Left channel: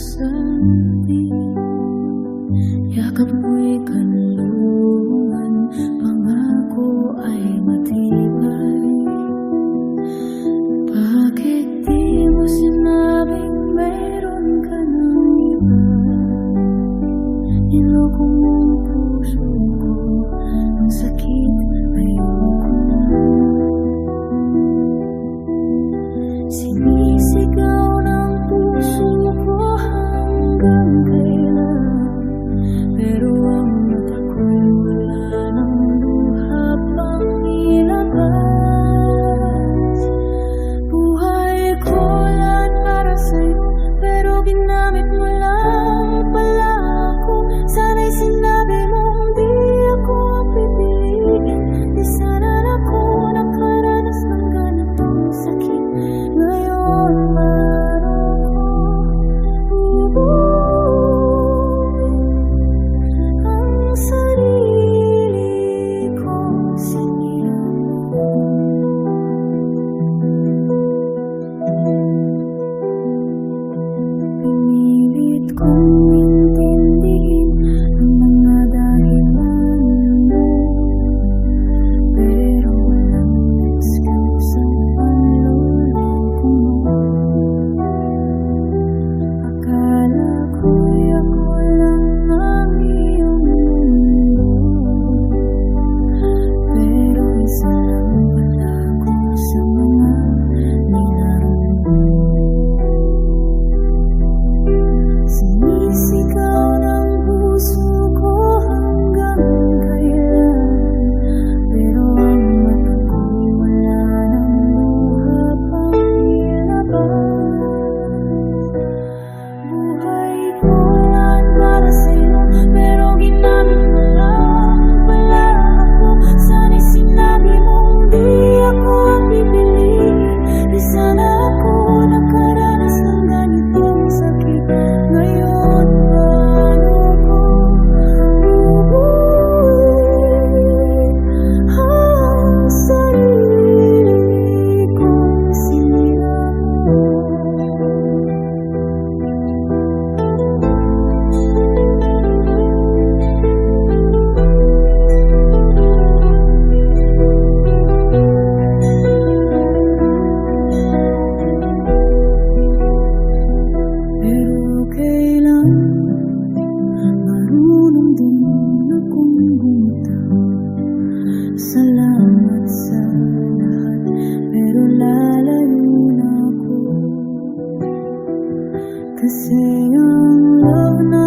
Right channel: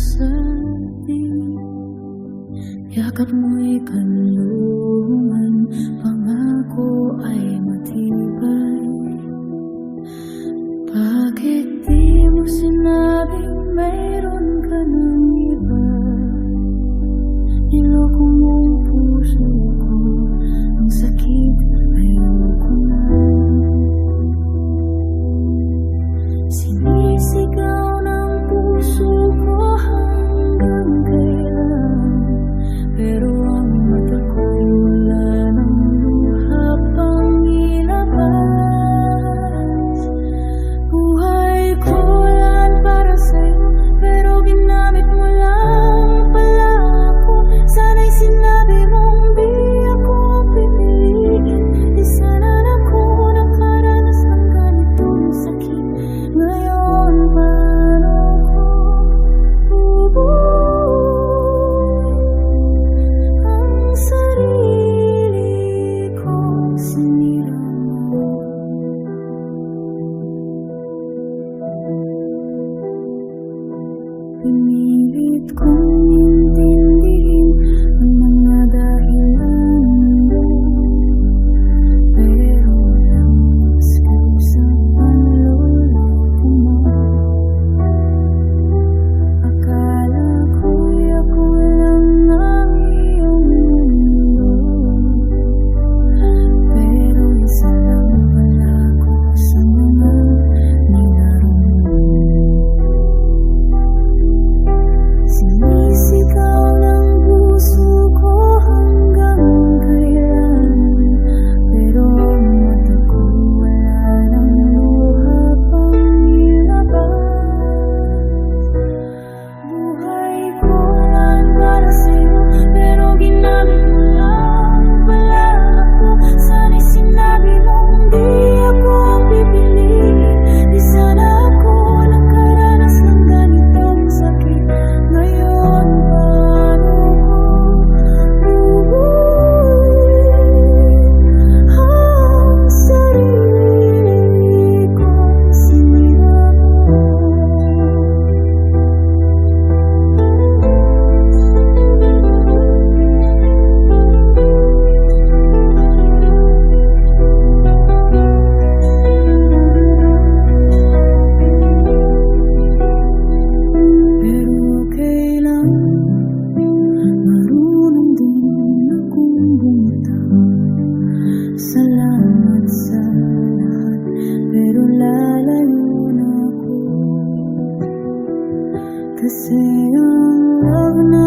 sabi, yakap mo'y kanlungan, pangako ay matibay. Bakit di mo sinabing mayroon ka ng iba? Niloko mong puso ko, ang sakit ayoko na. Sinisigaw ng puso ko hanggang kailan, pero ang mata ko'y wala ng luha pang ilabas. Buhay ko lan para sa'yo, pero ginamit mo lang pala ako. Sana'y sinabi mong di ako ang pipiliin, di sana ako nakaranas ng ganitong sakit. Ngayon paano ko bubuin ang sarili kong sinira mo? Pinilit kong intindihin ang mga dahilan mo, pero walang excuse ang panloloko mo. Akala ko'y ako lang ang iyong mundo, pero isa lang pala ako sa mga nilaro mo. Sinisigaw ng puso ko hanggang kailan, pero ang mata ko'y wala ng luha pang ilabas. Buhay ko lan para sa'yo, pero ginamit mo lang pala ako. Sana'y sinabi mong di ako ang pipiliin, di sana ako nakaranas ng ganitong sakit. Ngayon paano ko bubuin ang sarili kong sinira mo? Pero okay lang, marunong din akong bumitaw. Salamat sa lahat, pero lalayo na ako. Kasi ang love na